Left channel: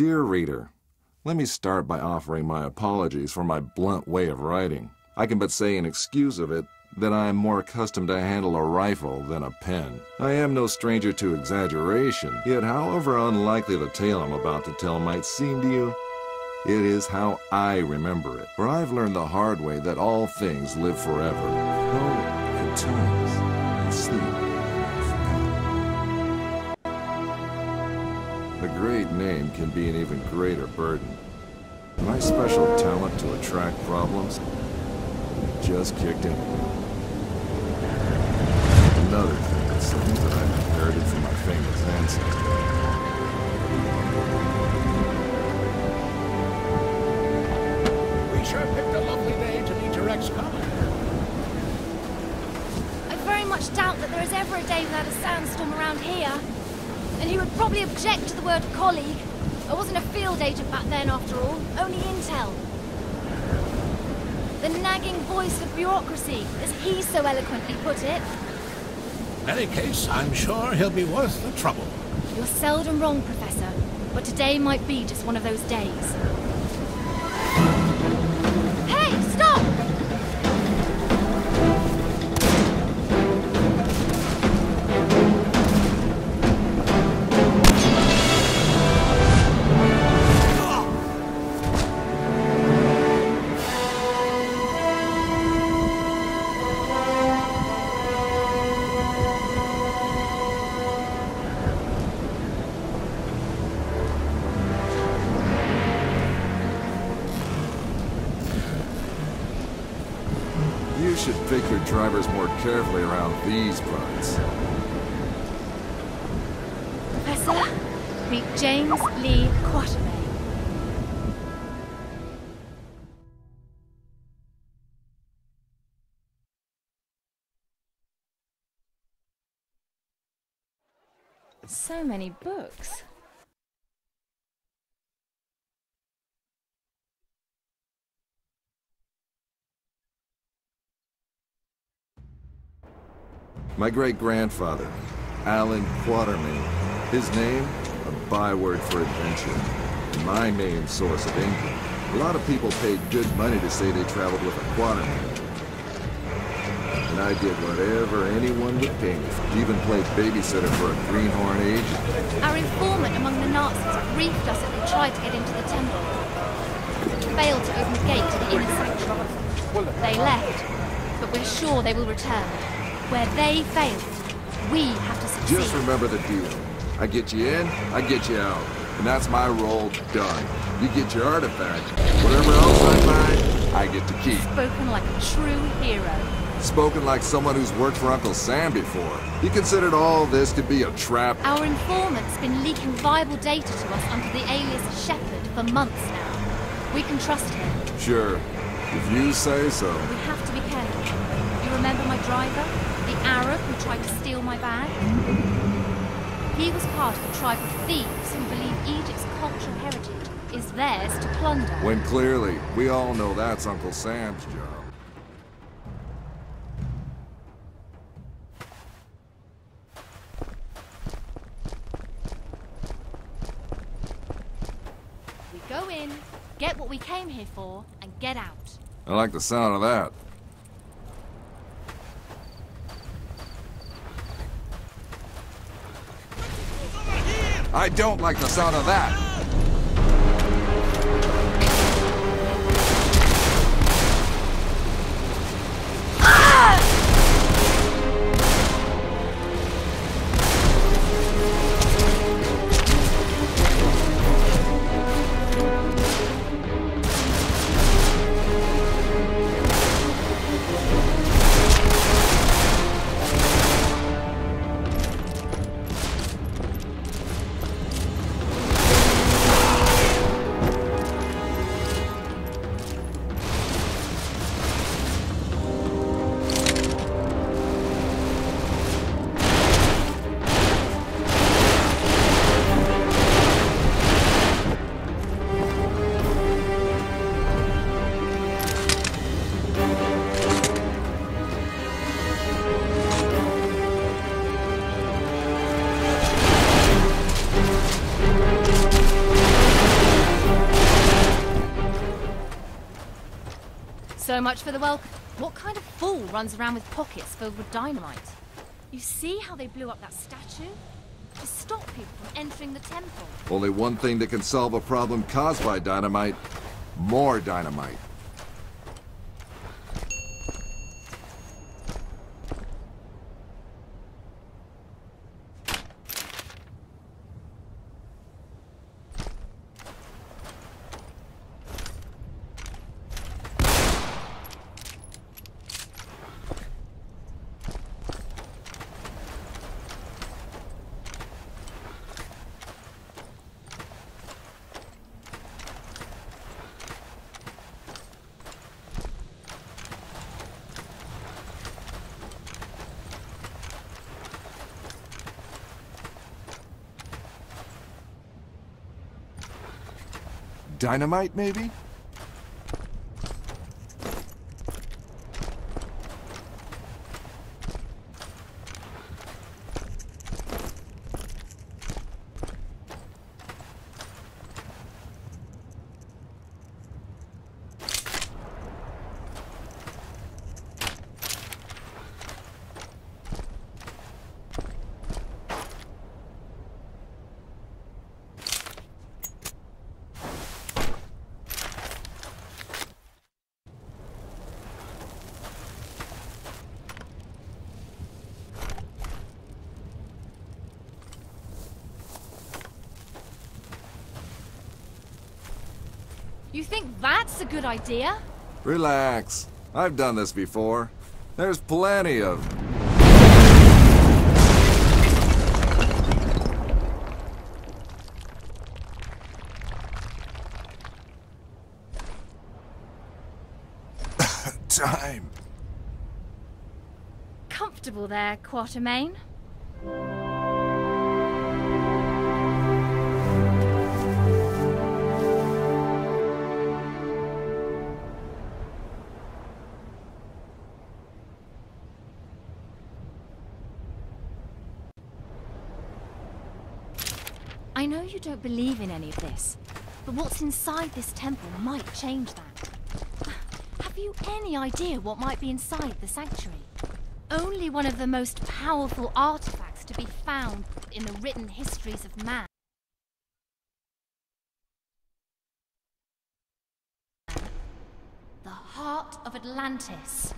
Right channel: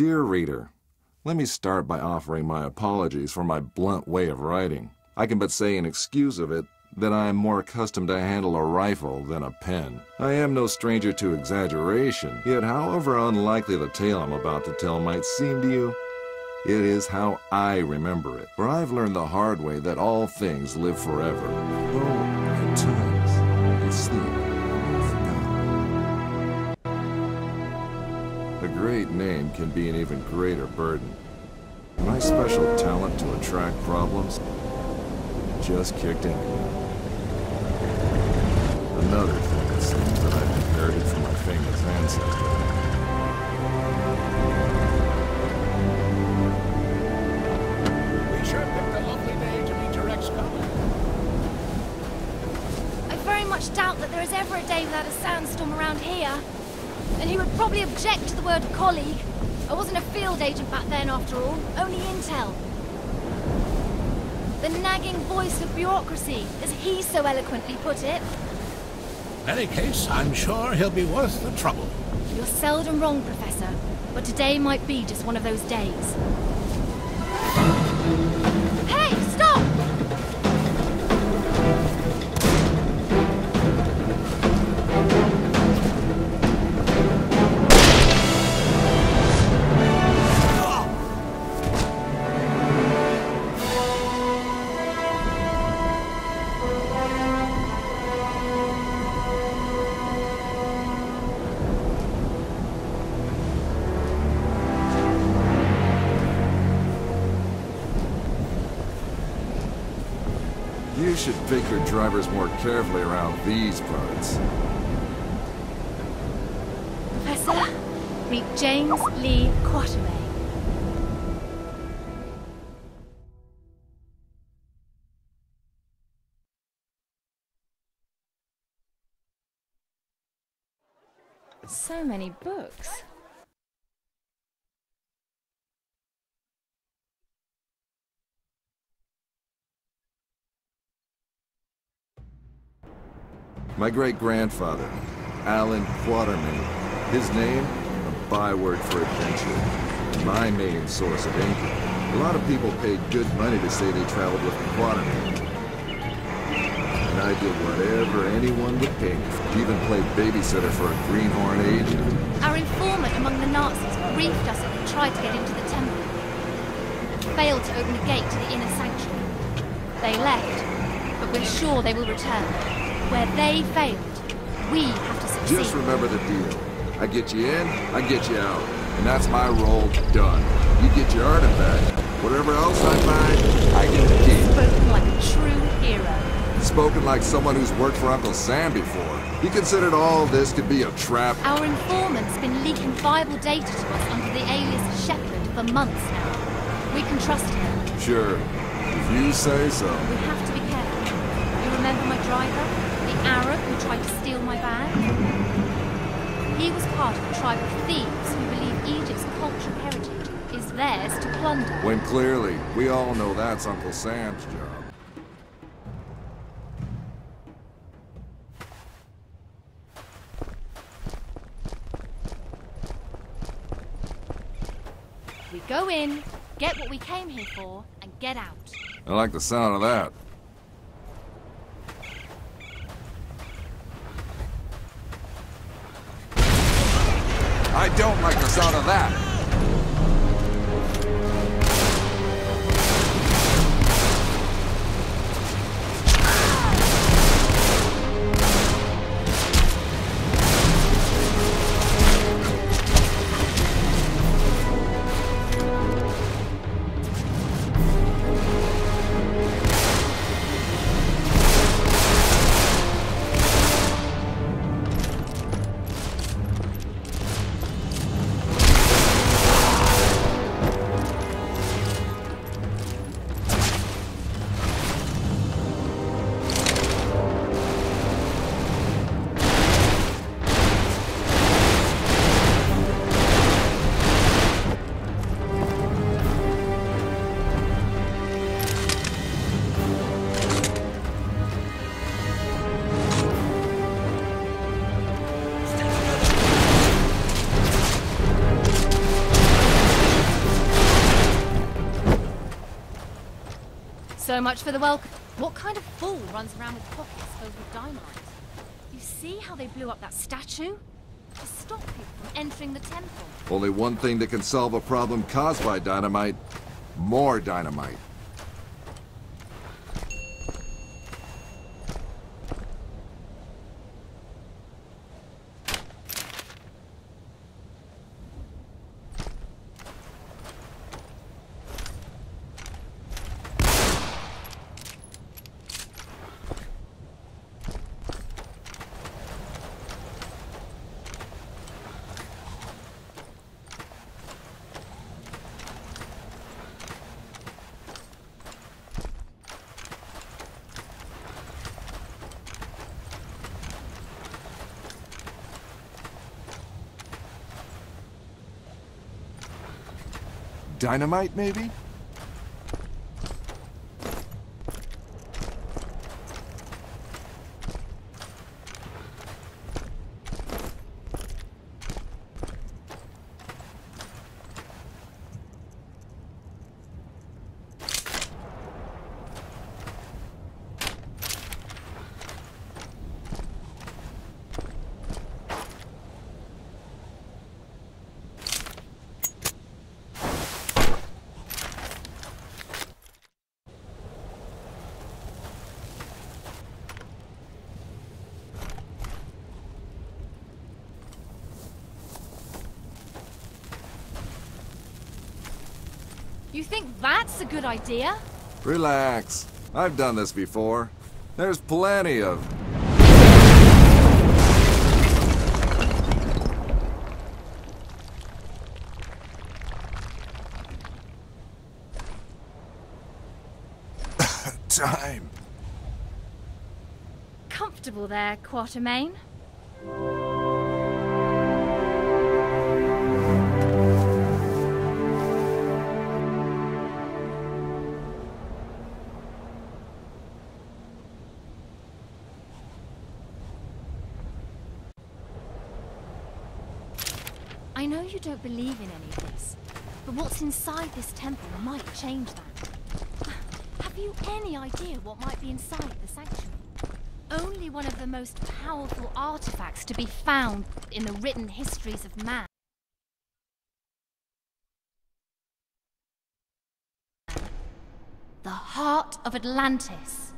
Dear reader, let me start by offering my apologies for my blunt way of writing. I can but say in excuse of it that I am more accustomed to handle a rifle than a pen. I am no stranger to exaggeration, yet however unlikely the tale I'm about to tell might seem to you, it is how I remember it. For I've learned the hard way that all things live forever, though at times they sleep and forgotten. A great name can be an even greater burden. My special talent to attract problems just kicked in again. Another thing, it seems that I've inherited from my famous ancestor. We sure picked a lovely day to meet your ex-colleague. I very much doubt that there is ever a day without a sandstorm around here. And he would probably object to the word colleague. I wasn't a field agent back then, after all. Only intel. The nagging voice of bureaucracy, as he so eloquently put it. In any case, I'm sure he'll be worth the trouble. You're seldom wrong, Professor. But today might be just one of those days. Hey, stop! You should pick your drivers more carefully around these parts. Professor, meet James Lee Quatermain. So many books. My great-grandfather, Alan Quatermain. His name, a byword for adventure, and my main source of income. A lot of people paid good money to say they traveled with a Quatermain. And I did whatever anyone would pay me for. Even played babysitter for a greenhorn agent. Our informant among the Nazis briefed us that they tried to get into the temple, but failed to open the gate to the inner sanctuary. They left, but we're sure they will return. Where they failed, we have to succeed. Just remember the deal. I get you in, I get you out. And that's my role done. You get your artifact. Whatever else I find, I get to keep. Spoken like a true hero. Spoken like someone who's worked for Uncle Sam before. He considered all this to be a trap. Our informant's been leaking viable data to us under the alias Shepherd for months now. We can trust him. Sure. If you say so. We have to be careful. You remember my driver? The Arab who tried to steal my bag? He was part of a tribe of thieves who believe Egypt's cultural heritage is theirs to plunder. When clearly, we all know that's Uncle Sam's job. We go in, get what we came here for, and get out. I like the sound of that. I don't like the sound of that. So much for the welcome. What kind of fool runs around with pockets filled with dynamite? You see how they blew up that statue? To stop people from entering the temple. Only one thing that can solve a problem caused by dynamite. More dynamite. Dynamite, maybe? You think that's a good idea? Relax. I've done this before. There's plenty of... time. Comfortable there, Quatermain? I know you don't believe in any of this, but what's inside this temple might change that. Have you any idea what might be inside the sanctuary? Only one of the most powerful artifacts to be found in the written histories of man. The heart of Atlantis.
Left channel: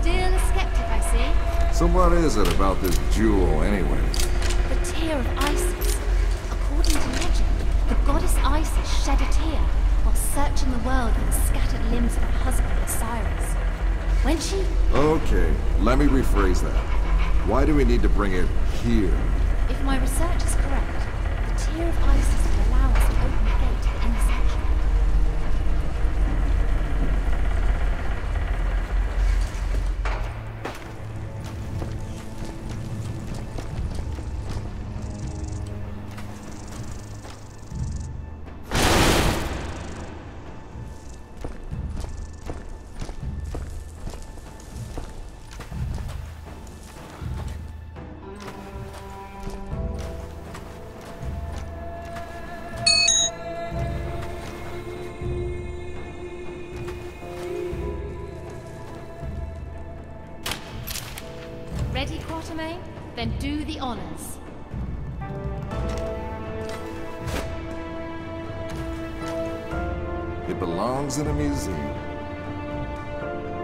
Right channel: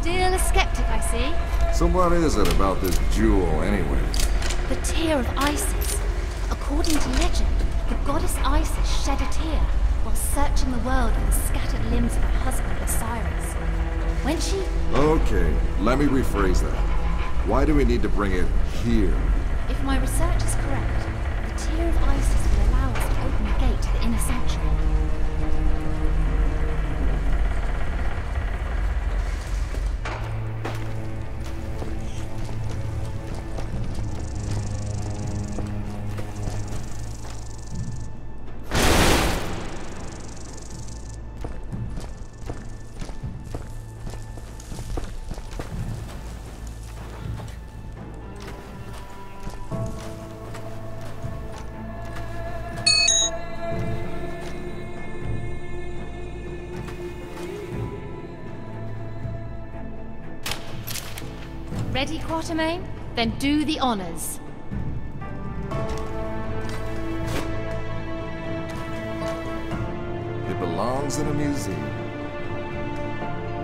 Still a skeptic, I see. So what is it about this jewel, anyway? The tear of Isis. According to legend, the goddess Isis shed a tear while searching the world for the scattered limbs of her husband Osiris. When she... Okay, let me rephrase that. Why do we need to bring it here? If my research is correct, the tear of Isis will allow us to open the gate to the inner sanctuary. Ready, Quatermain? Then do the honors. It belongs in a museum.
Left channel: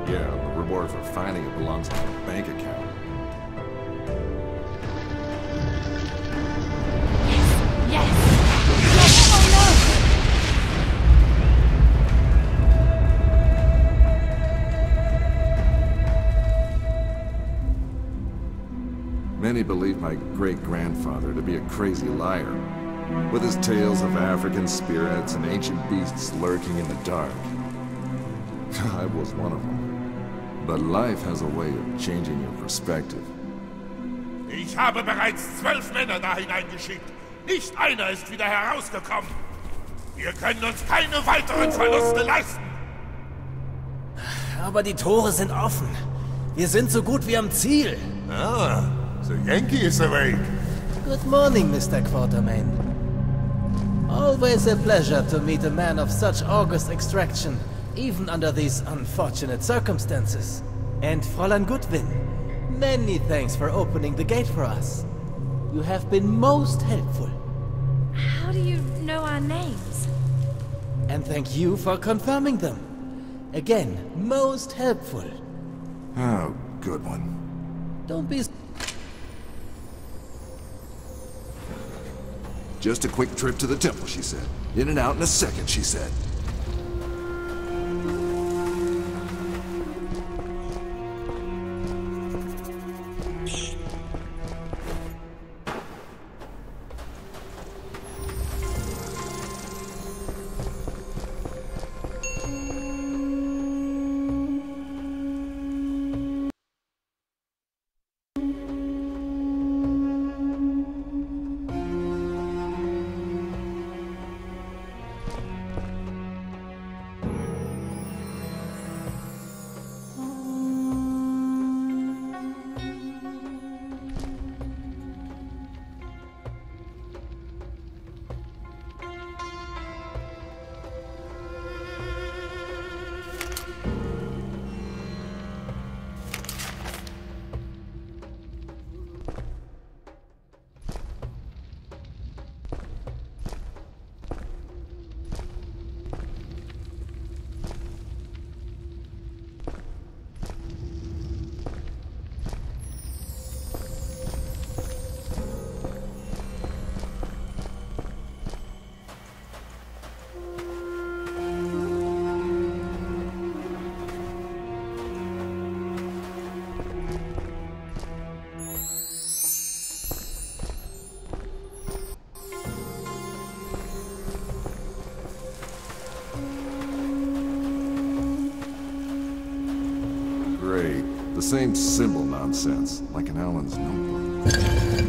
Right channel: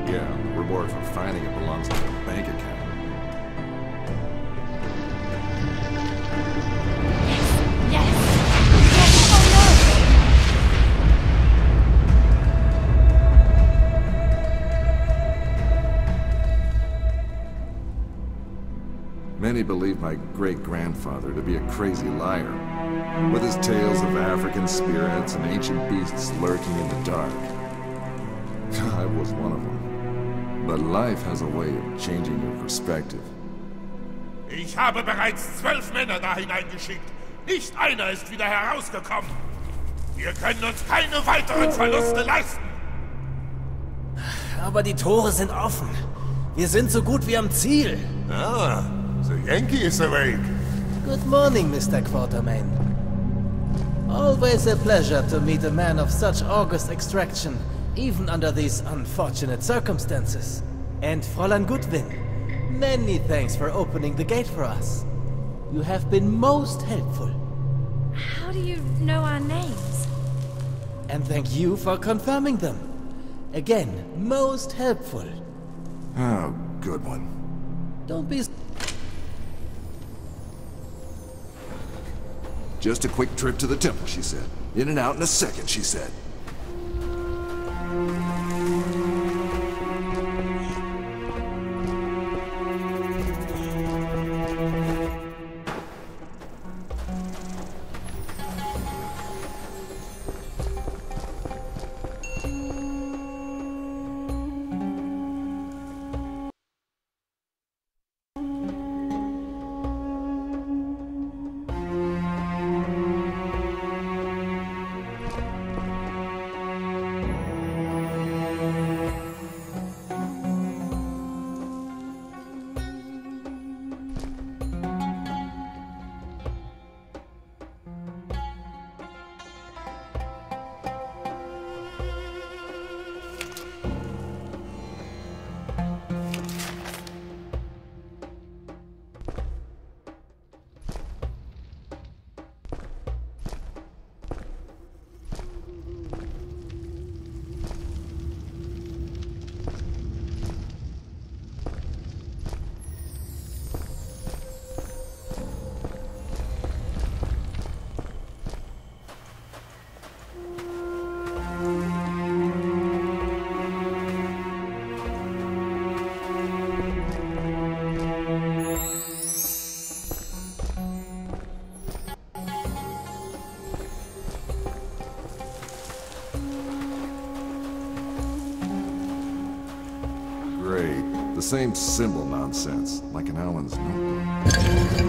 Yeah, the reward for finding it belongs in a bank account. Yes! Yes! Yes! Oh Many believe my great-grandfather to be a crazy liar, with his tales of African spirits and ancient beasts lurking in the dark. I was one of them. But life has a way of changing your perspective. Ich habe bereits 12 Männer da hineingeschickt. Nicht einer ist wieder herausgekommen. Wir können uns keine weiteren Verluste leisten. Aber die Tore sind offen. Wir sind so gut wie am Ziel. Ah, the Yankee is awake. Good morning, Mr. Quartermain. Always a pleasure to meet a man of such august extraction, even under these unfortunate circumstances. And Fräulein Goodwin, many thanks for opening the gate for us. You have been most helpful. How do you know our names? And thank you for confirming them. Again, most helpful. Oh, good one. Don't be... Just a quick trip to the temple, she said. In and out in a second, she said. Great. The same symbol nonsense, like in Alan's notebook.